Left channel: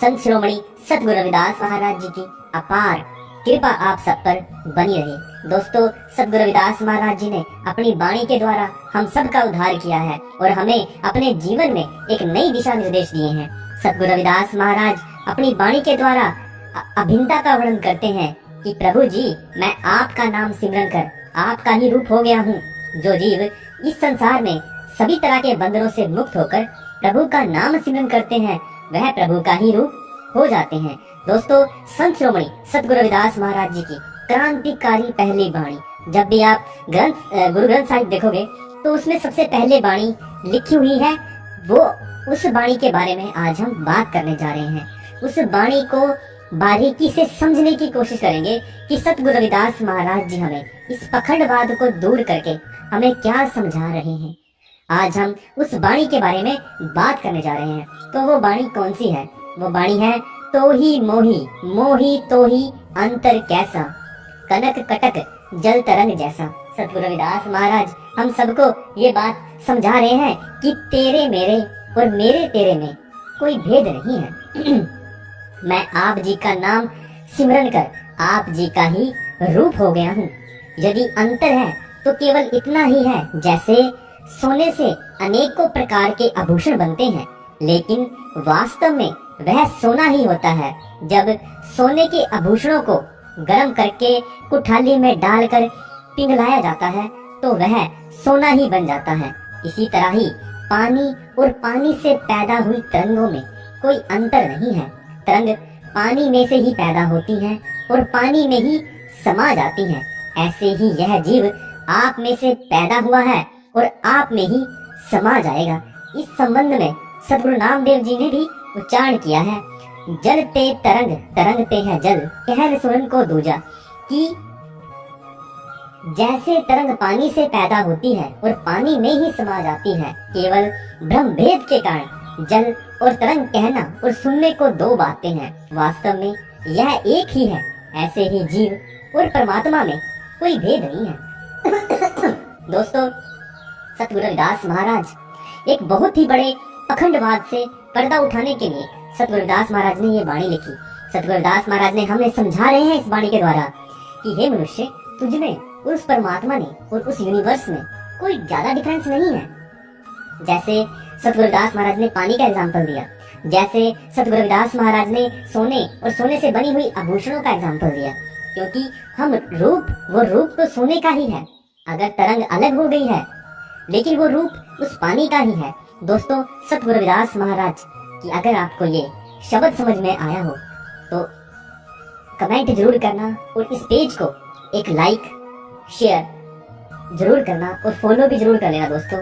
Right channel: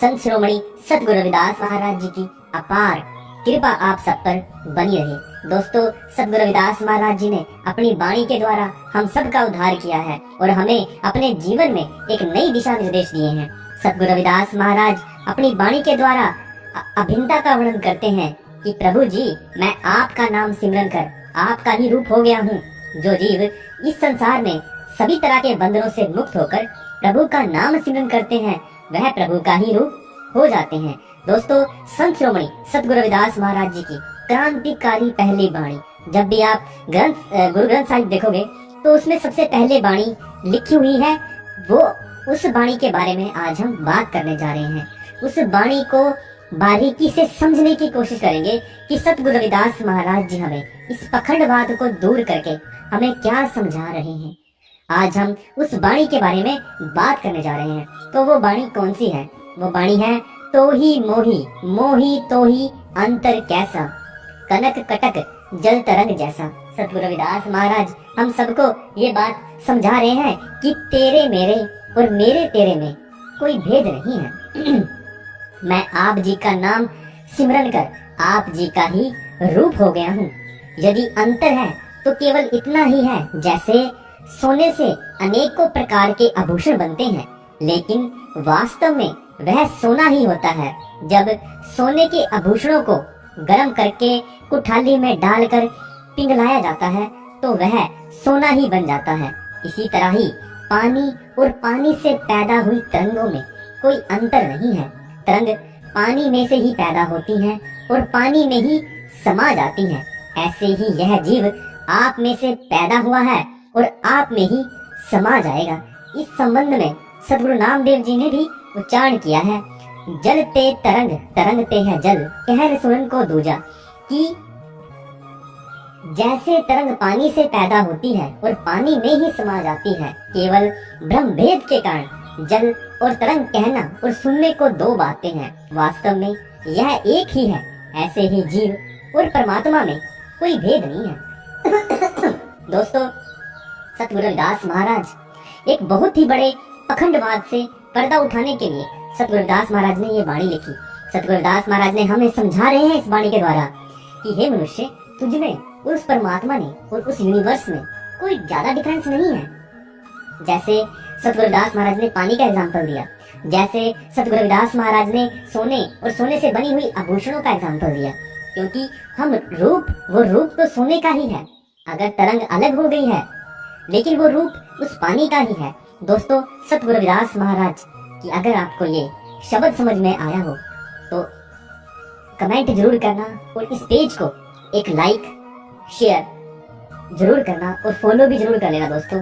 संत शिरोमणि सतगुरु रविदास महाराज जी की अपार कृपा आप सब पर बनी रहे। दोस्तों, सतगुरु रविदास महाराज जी ने अपनी वाणी के द्वारा हम सब का उद्धार किया है और हमें अपने जीवन में एक नई दिशा निर्देश दिए हैं। सतगुरु रविदास महाराज अपनी वाणी के द्वारा अभिन्नता का वर्णन करते हैं कि प्रभु जी, मैं आपका नाम सिमरन कर आपका ही रूप हो गया हूँ। जो जीव इस संसार में सभी तरह के बंधनों से मुक्त होकर प्रभु का नाम सिमरन करते हैं, वह प्रभु का ही रूप हो जाते हैं। दोस्तों, संत शिरोमणि सतगुरु रविदास महाराज जी की क्रांतिकारी पहली वाणी, जब भी आप गुरु ग्रंथ साहिब देखोगे तो उसमें सबसे पहले वाणी लिखी हुई है। वो उस वाणी के बारे में आज हम बात करने जा रहे हैं। उस वाणी को बारीकी से समझने की कोशिश करेंगे कि सतगुरु रविदास महाराज जी हमें इस पखंडवाद को दूर करके हमें क्या समझा रहे हैं। आज हम उस वाणी के बारे में बात करने जा रहे हैं। तो वो वाणी कौन सी है? वो वाणी है, तो ही मोही मोही तो ही अंतर कैसा, कनक कटक जल तरंग जैसा। सतगुरु रविदास महाराज हम सबको ये बात समझा रहे हैं कि तेरे मेरे और मेरे तेरे में कोई भेद नहीं है। मैं आप जी का नाम सिमरन कर आप जी का ही रूप हो गया हूँ। यदि अंतर है तो केवल इतना ही है, जैसे सोने से अनेकों प्रकार के आभूषण बनते हैं, लेकिन वास्तव में वह सोना ही होता है। जब सोने के आभूषणों को गर्म करके कुठाली में डालकर पिघलाया जाता है तो वह सोना ही बन जाता है। इसी तरह ही पानी और पानी से पैदा हुई तरंगों में कोई अंतर नहीं है। तरंग पानी में से ही पैदा होती हैं और पानी में ही समा जाती हैं। ऐसे ही यह जीव आप में से पैदा हुआ है और आप में ही समा जाएगा। इस संबंध में सतगुरु नामदेव जी ने भी उच्चारण किया है, जल ते तरंग तरंगते है जल, कहर सुरन को दूजा। कि जैसे तरंग पानी से पैदा होती है और पानी में ही समा जाती है, केवल ब्रह्म भेद के कारण जल और तरंग कहना और सुनने को दो बातें हैं, वास्तव में यह एक ही है। ऐसे ही जीव और परमात्मा में कोई भेद नहीं है। दोस्तों, सतगुरु रविदास महाराज एक बहुत ही बड़े पखंडवाद से पर्दा उठाने के लिए सतगुरु रविदास महाराज ने ये वाणी लिखी। सतगुरु रविदास महाराज ने हमें समझा रहे हैं इस वाणी के द्वारा कि हे मनुष्य, तुझ में और उस परमात्मा ने और उस यूनिवर्स में कोई ज्यादा डिफरेंस नहीं है। जैसे सतगुरु रविदास महाराज ने पानी का एग्जाम्पल दिया, जैसे सतगुरु रविदास महाराज ने सोने और सोने से बनी हुई आभूषणों का एग्जाम्पल दिया, क्योंकि हम वो रूप तो सोने का ही है। अगर तरंग अलग हो गई है लेकिन वो रूप उस पानी का ही है। दोस्तों, सतगुरु रविदास महाराज कि अगर आपको ये शब्द समझ में आया हो तो कमेंट जरूर करना और इस पेज को एक लाइक शेयर जरूर करना और फॉलो भी जरूर कर लेना दोस्तों।